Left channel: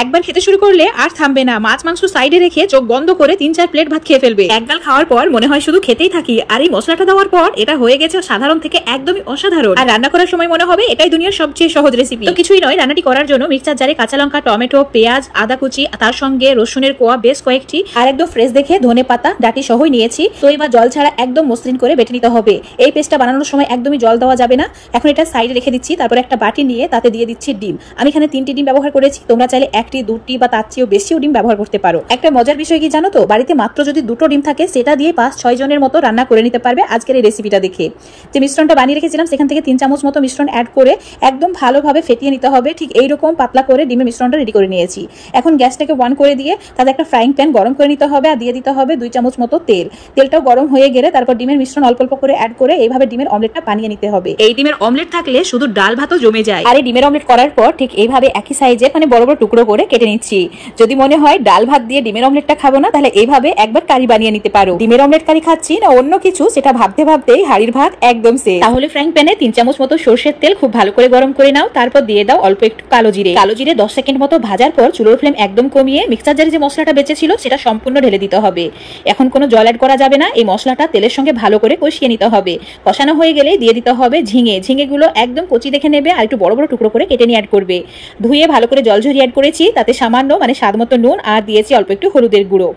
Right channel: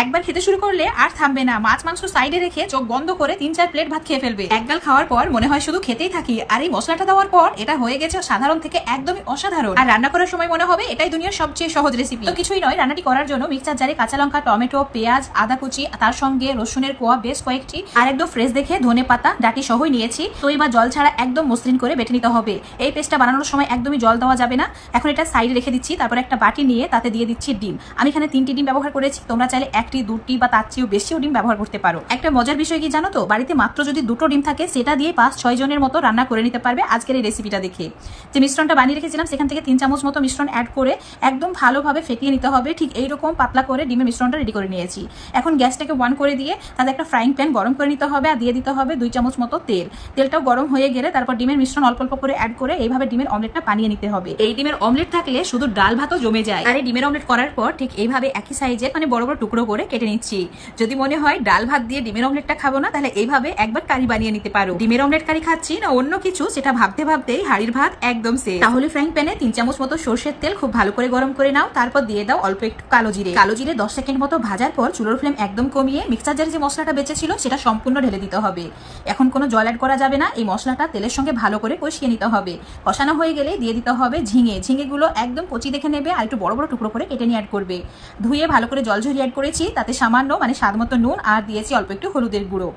একবার খেতে শুরু করলে আর থামবে না। মাছ মাংস সাইডে রেখে চোখ বন্ধ করে 3-4 প্লেট ভাত খেয়ে ফেলবে। একগাল খাওয়ার পর মনে হয় শুধু খেতেই থাকি। আর এই মশলাটা দেওয়ার পর এটা হয়ে গেছে সাধারণ থেকে একদমই অসাধারণ। আর রান্না করার সময় মনে হবে এটাই দুনিয়ার সবচেয়ে সহজ রেসিপি। তো কিছুই নয়, রান্নাটি করার জন্য মিক্সচার জারে কাঁচা লঙ্কা, টমেটো, পেঁয়াজ, আদা কুচি, তার সঙ্গে রসুনের কোয়া বেশ কয়েকটি, আর একদম ফ্রেশ দেখে ধনে পাতা ডাটি সহই নিয়েছি। তো এবার জল ছাড়া একদম মসৃণ করে বেটে নিতে হবে। এই পেস্টটা বানানোর সময় একদমই জল দেওয়া যাবে না। এখন এটা সাইডে রেখে দিচ্ছি। তারপর একটা বাটি নিয়ে তাতে দিয়ে দিচ্ছি ডিম। আমি এখানে 3টি ডিম ব্যবহার করেছি। তোমরা চাইলে 1টি, 2টি বা তার চেয়েও বেশিও ডিম ব্যবহার করতে পারো। একটা মজার বিষয় কি জানো তো, বাড়িতে মাত্র যদি 2টো ডিম থাকে সেটা দিয়ে 5-6 জনের মতো রান্না করে নিতে পারবে আজকের এই রেসিপিটা দেখে। যে মিশ্রণটা বানিয়ে রেখেছিলাম সেখান থেকে 3 চামচ মতো মিশ্রণ অ্যাড করে একদম ভালোভাবে ফেটিয়ে নিতে হবে। ঠিক এইরকম পাতলা করে ডিমের মিশ্রণটা রেডি করে নিয়েছি। এখন গ্যাসটাকে অন করে দিয়ে তাতে একটা ফ্রাইং প্যান গরম করে নিতে হবে আর দিয়ে দিতে হবে 2 চামচ মতো তেল। তেলটাও গরম হয়ে গেলে তারপর ডিমের মিশ্রণ অল্প অল্প করে অ্যাড করে এইভাবে ডিমের অমলেটটা বানিয়ে নিতে হবে। এই ডিমের অমলেট থাকলে শুধু ডাল ভাতও জমে যায়। আর এই ডিমের অমলেট করার পর ঠিক এইভাবে একই সাইজে মানে বড় বড় টুকরো করে কেটে নিচ্ছি। যদি মনে হয় ডাল ভাত দিয়ে ডিমের অমলেটটা খাবো না, তাহলে এইভাবে একবার কারি বানিয়ে নিতে পারো। ডিমের অমলেট কারি খাচ্ছি না অন্য কিছু সেটা ভাবতে ভাবতেই হাড়ির ভাত একদম শেষ। তাহলে ফ্রাইং প্যানে 3 চামচ মতো সরষের তেল খুব ভালো করে গরম করে নাও। তারপর দিয়ে দাও অল্প একটু কালো জিরে। কালো জিরে 10 সেকেন্ড মতো ভাজার পর চুলোর ফ্লেম একদম কমিয়ে মিক্সচার জারে যে মশলাটা বেঁচে ছিল সেটা সম্পূর্ণ ঢেলে দিতে হবে। এখন কোনো জল অ্যাড করা যাবে না। এই মশলাটা তেলের সঙ্গে ভালো করে কষিয়ে নিতে হবে। কষানো হয়ে গেলে দিয়ে দিতে হবে ঝিঙে। ঝিঙেগুলো একদম কচি দেখে নেবে আর একটু বড় বড় টুকরো করে কেটে নিয়ে অ্যাড করবে। ধুয়ে ভালো করে জল ঝরিয়ে অ্যাড করেছি। তাতে সামান্য মানে স্বাদ মতো নুন আর দিয়েছি অল্প একটু হলুদের গুঁড়ো।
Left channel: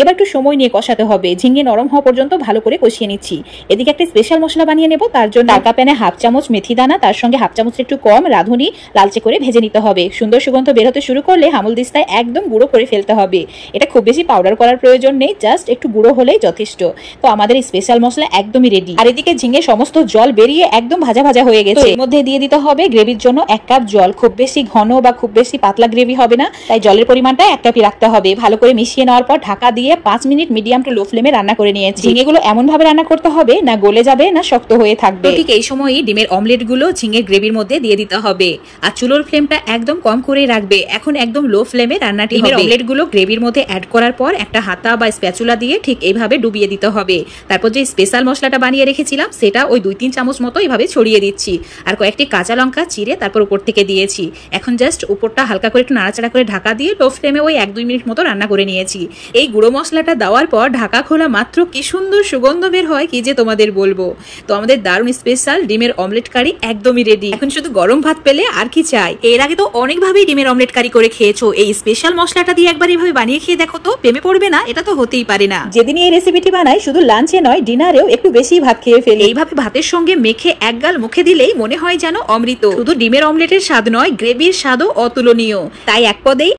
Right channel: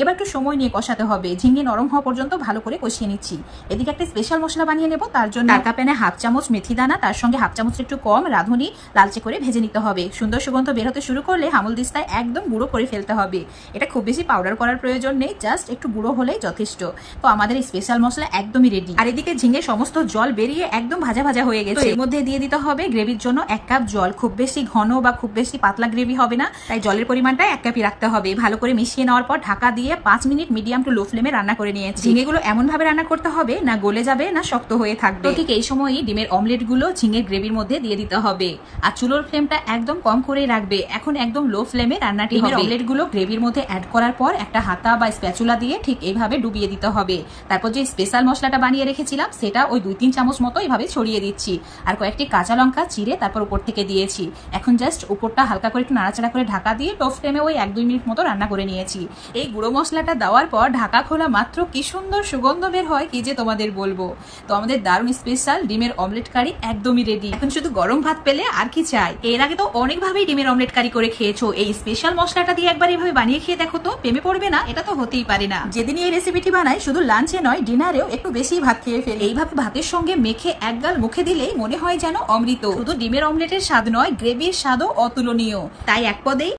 এবার একটু সময় নিয়ে কষাতে হবে। ঝিঙে নরম হওয়া পর্যন্ত ভালো করে কষিয়ে নিচ্ছি। এদিকে একটা স্পেশাল মশলা বানিয়ে নেব। তার জন্য টাকা প্যানে 1/2 চামচ মেথি দানা, তার সঙ্গে 1/2 চামচ একটু কম রাঁধুনি লালচে করে ভেজে নিতে হবে। সুন্দর সুগন্ধ বের হতে শুরু করলে হামলদিস্তায় একদম গুঁড়ো করে ফেলতে হবে। এটা খুব বেশি পাউডার করার প্রয়োজন নেই, জাস্ট একটু গুঁড়ো হলেই যথেষ্ট। তো আমাদের এই স্পেশাল মশলা একদমই রেডি। আর এদিকে ঝিঙে সমস্ত জল বেরিয়ে একদম ভাজা ভাজা হয়ে গেছে। এর মধ্যে দিয়ে দিতে হবে গ্রেভির জন্য 1 কাপ জল। খুব বেশি ঘন বা খুব বেশি পাতলা গ্রেভি হবে না, তাই জলের পরিমাণটা 1 কাপই রাখতে হবে। ভালো করে মিশিয়ে নেওয়ার পর ঢাকা দিয়ে 5 মিনিট মিডিয়াম টু লো ফ্লেমে রান্না করে নিয়েছি। ঝিঙেগুলো এমন ভাবে রান্না করতে হবে না গলে যাবে না শক্ত হয়ে থাকবে। ঠিক এই সময়ই ডিমের অমলেট গুলো ঝিঙের গ্রেভির মধ্যে দিয়ে দিতে হবে আর চুলোর ফ্লেমটা একদম কম করেই রাখবে। এখন একদম লো ফ্লেমে রান্নাটি হবে। অমলেট গুলো গ্রেভির মধ্যে অ্যাড করার পর একটা হাতা বা স্প্যাচুলা দিয়ে ঠিক এইভাবে ডুবিয়ে দিতে হবে। তারপর যে স্পেশাল মশলাটা বানিয়ে রেখেছিলাম সেটা ওই 2-3 চামচ মতো এইভাবে ছড়িয়ে দিচ্ছি আর কয়েকটি কাঁচা লঙ্কা চিড়ে তারপর উপর থেকে দিয়েছি। এখন জাস্ট উপরটা হালকা করে একটু নাড়াচাড়া করে ঢাকা দিয়ে লো ফ্লেমে ওই 1-2 মিনিট মতো রান্না করে নিয়েছি। এই গুঁড়ো মশলাটা দেওয়ার পর ঢাকা খোলা মাত্র কি সুন্দর সুগন্ধ বের হয় কি যে তোমাদের বলবো। তো আমাদের দারুণ স্পেশাল ডিমের অমলেট কারি একদমই রেডি। এখন শুধু গরম ভাত পেলে আর কি চাই। এর আগে তো অনেকভাবেই ডিমের অমলেট কারি করে খেয়েছো। এই স্পেশাল মশলাটা দিয়ে একবার এইভাবে বানিয়ে খেয়ে দেখো তো, প্রেমে পড়বে না? এটা তো হতেই পারে না। যেদিন এই রেসিপিটি বানাই শুধু লাঞ্চে নয় ডিনারেও একটু বেশি ভাত খেয়ে ফেলি। এইভাবে ভাতের সঙ্গে মেখে এক গাল মুখে দিলেই মনে হয় যেন অমৃত। শুধু ডিমের অমলেটের স্বাদ নয়, গ্রেভির স্বাদও অতুলনীয়। তাই এক পদেই